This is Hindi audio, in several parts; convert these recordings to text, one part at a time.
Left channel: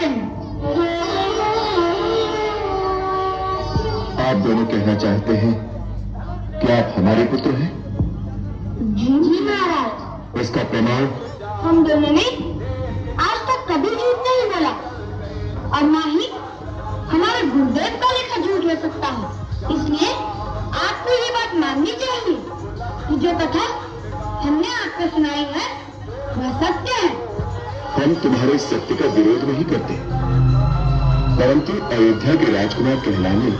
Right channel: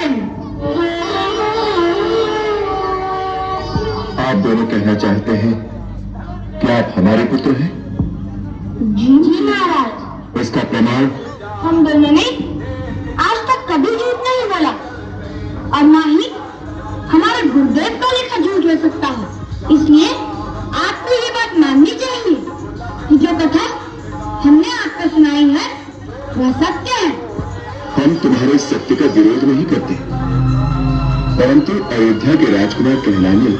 चाहते हैं? आप दोनों कहना चाहते हैं कि आप हमारे पुत्र हैं? जी महाराज। इसका प्रमाण? हम दोनों ने आज तक कभी झूठ नहीं बोला और ना ही हमारा गुरुदेव कभी का झूठ ले सकता है। इसलिए आपको ये बात माननी चाहिए कि जो कथा हमने आपको सुनाई है वह सत्य है। हम तुम्हारे सत्य का विरोध नहीं करते, परंतु अयोध्या के राजकुमार कहलाने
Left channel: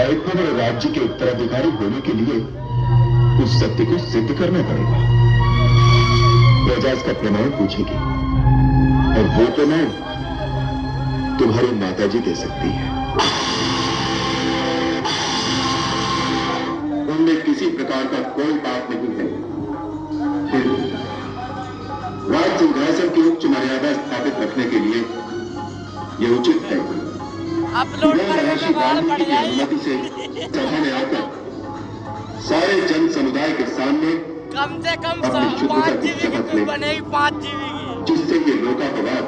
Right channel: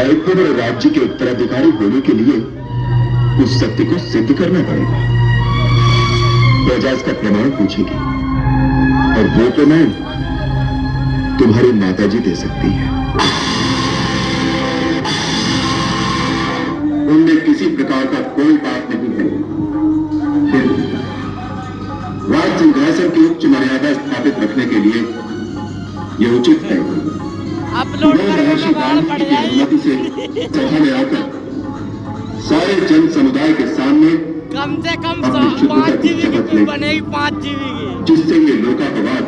और पूरे राज्य के उत्तराधिकारी होने के लिए उस सत्य को सिद्ध करना पड़ेगा। प्रजा इसका प्रमाण पूछेगी और वो प्रमाण तुम्हारी माताजी दे सकती है। उनमें किसी प्रकार का कोई पाप नहीं है। राज सिंहासन की उच्च मर्यादा स्थापित रखने के लिए यह उचित है अपलोड करने में गाड़ पड़ जाएगी। सभा में आकर सारे जन समुदाय के सामने कम से कम 5 GB की फिल्म बनेगी, 5 GB की, जिससे ये लोकापवाद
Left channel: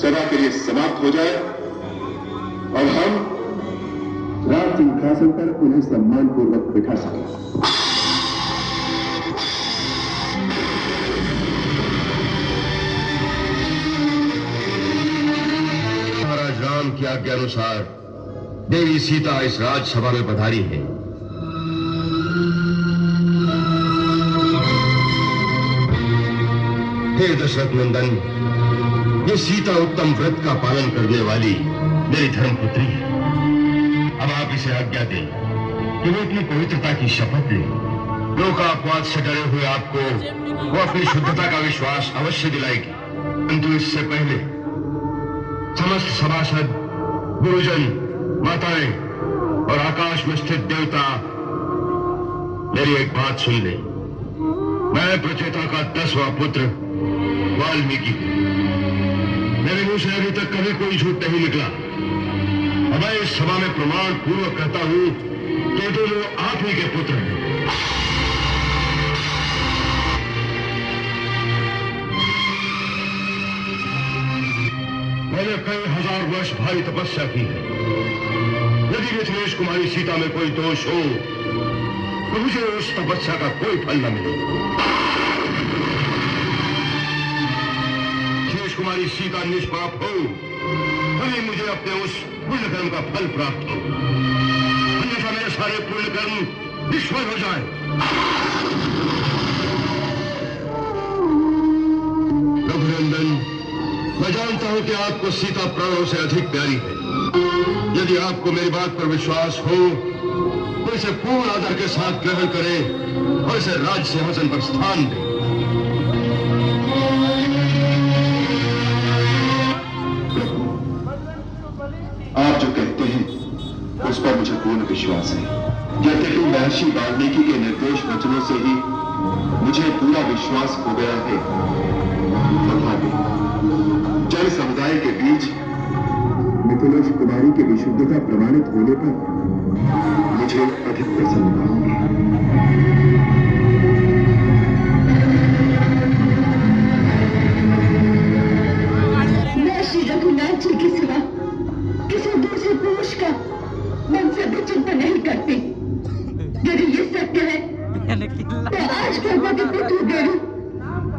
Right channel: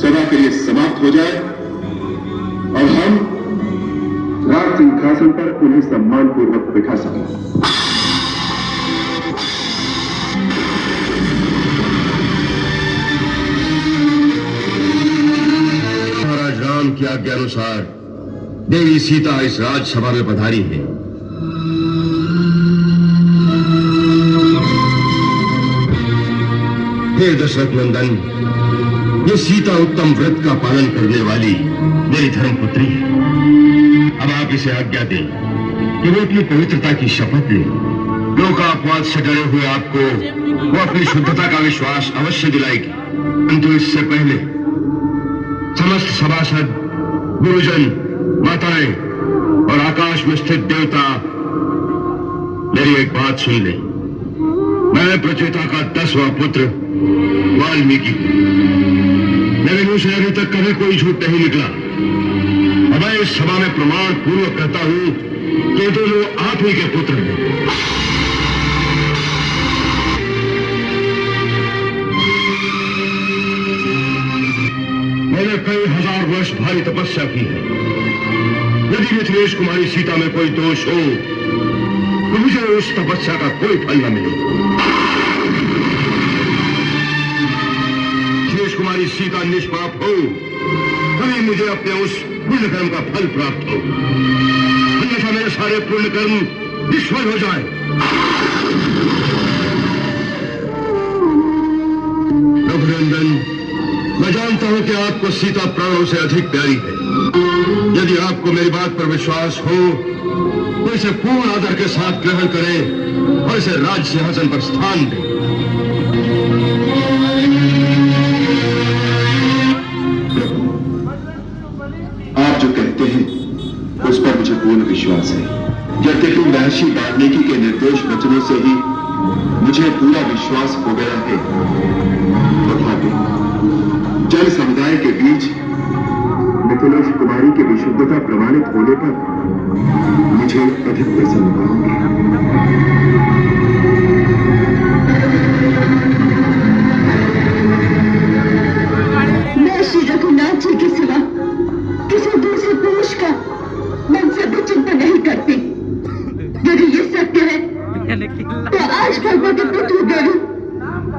सदा के लिए समाप्त हो जाए और हम राज सिंहासन पर उन्हें सम्मान पूर्वक बिठा सकें। महाराज राम की आज्ञा अनुसार देवी सीता इस राजसभा में पधारी है। हे दशरथ नंदन, ये सीता उत्तम व्रत का पालन करने वाली मेरी धर्मपुत्री है। अब आप इसे आज्ञा दें कि वो अपनी पवित्रता की शपथ ले। लोकापवाद से डरे हुए आपको वो अपनी शुद्धता का विश्वास अवश्य दिलाएगी, किंतु इससे पहले समस्त सभासद, गुरुजन, माताएं और आकाश में स्थित देवता मेरी एक बात सुन ले। मैं प्रचेता का 10वां पुत्र वाल्मीकि, मेरे मुंह से अभी तक कभी कोई झूठ नहीं निकला। अब मैं इस सभा में प्रमाण पूर्वक कहता हूं कि दोनों आप ही के पुत्र हैं। मैंने कई हजार वर्ष भारी तपस्या की है। यदि मिथिलेश कुमारी सीता में कोई दोष हो तो मुझे उस तपस्या का कोई फल न मिले। मिथिलेश कुमारी सीता निष्पाप हो तभी मुझे अपने उस पुण्य कर्म का फल प्राप्त हो, अन्यथा मेरे सारे पुण्य कर्म निष्फल हो जाए। रघुनंदन, मैं जानता हूं कि आपको सीता प्राणों से अधिक प्यारी है। यदि आपको मेरी बात पर विश्वास हो तो इसे पूर्ण आदर के साथ ग्रहण करें और इसे राज सिंहासन पर स्थान दें। आप जो कहते हैं उस पर मुझे पूर्ण विश्वास है। यद्यपि महर्षि वाल्मीकि के निर्दोष वचनों से ही मुझे पूरा विश्वास हो गया है, तथापि जन समुदाय के बीच मिथिलेश कुमारी की विशुद्धता प्रमाणित होने पर मुझे अधिक प्रसन्नता होगी। मैं श्री रघुनाथ जी के सिवा किसी दूसरे पुरुष का मन से भी चिंता नहीं करती। यदि ये सत्य है तो आज भगवती पृथ्वी देवी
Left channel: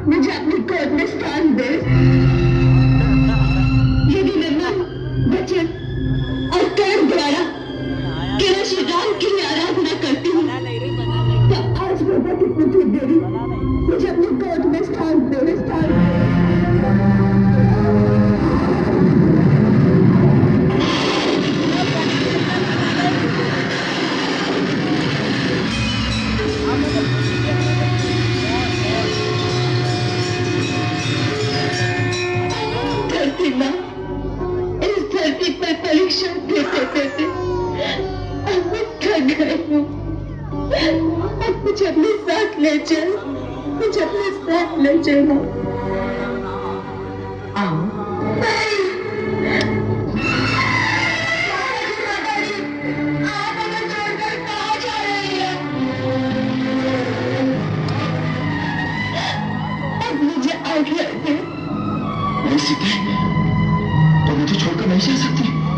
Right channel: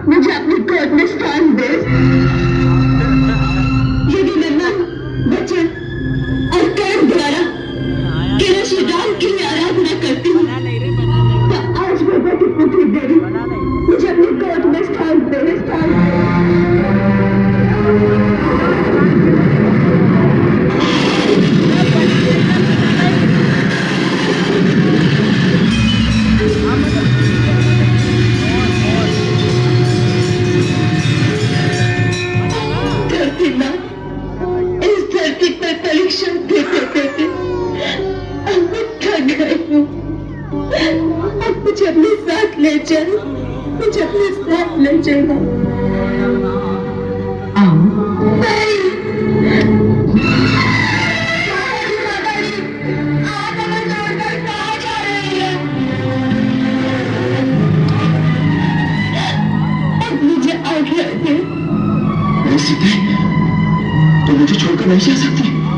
मुझे अपनी गोद में स्थान दे। यदि मैं मन, वचन और कर्म द्वारा केवल श्री राम की ही आराधना करती हूँ तो आज भगवती पृथ्वी देवी मुझे अपनी गोद में स्थान दे। मुझे अपने साथ ले जाओ, मुझे अपने साथ ले जाओ। तुम नहीं जा सकती।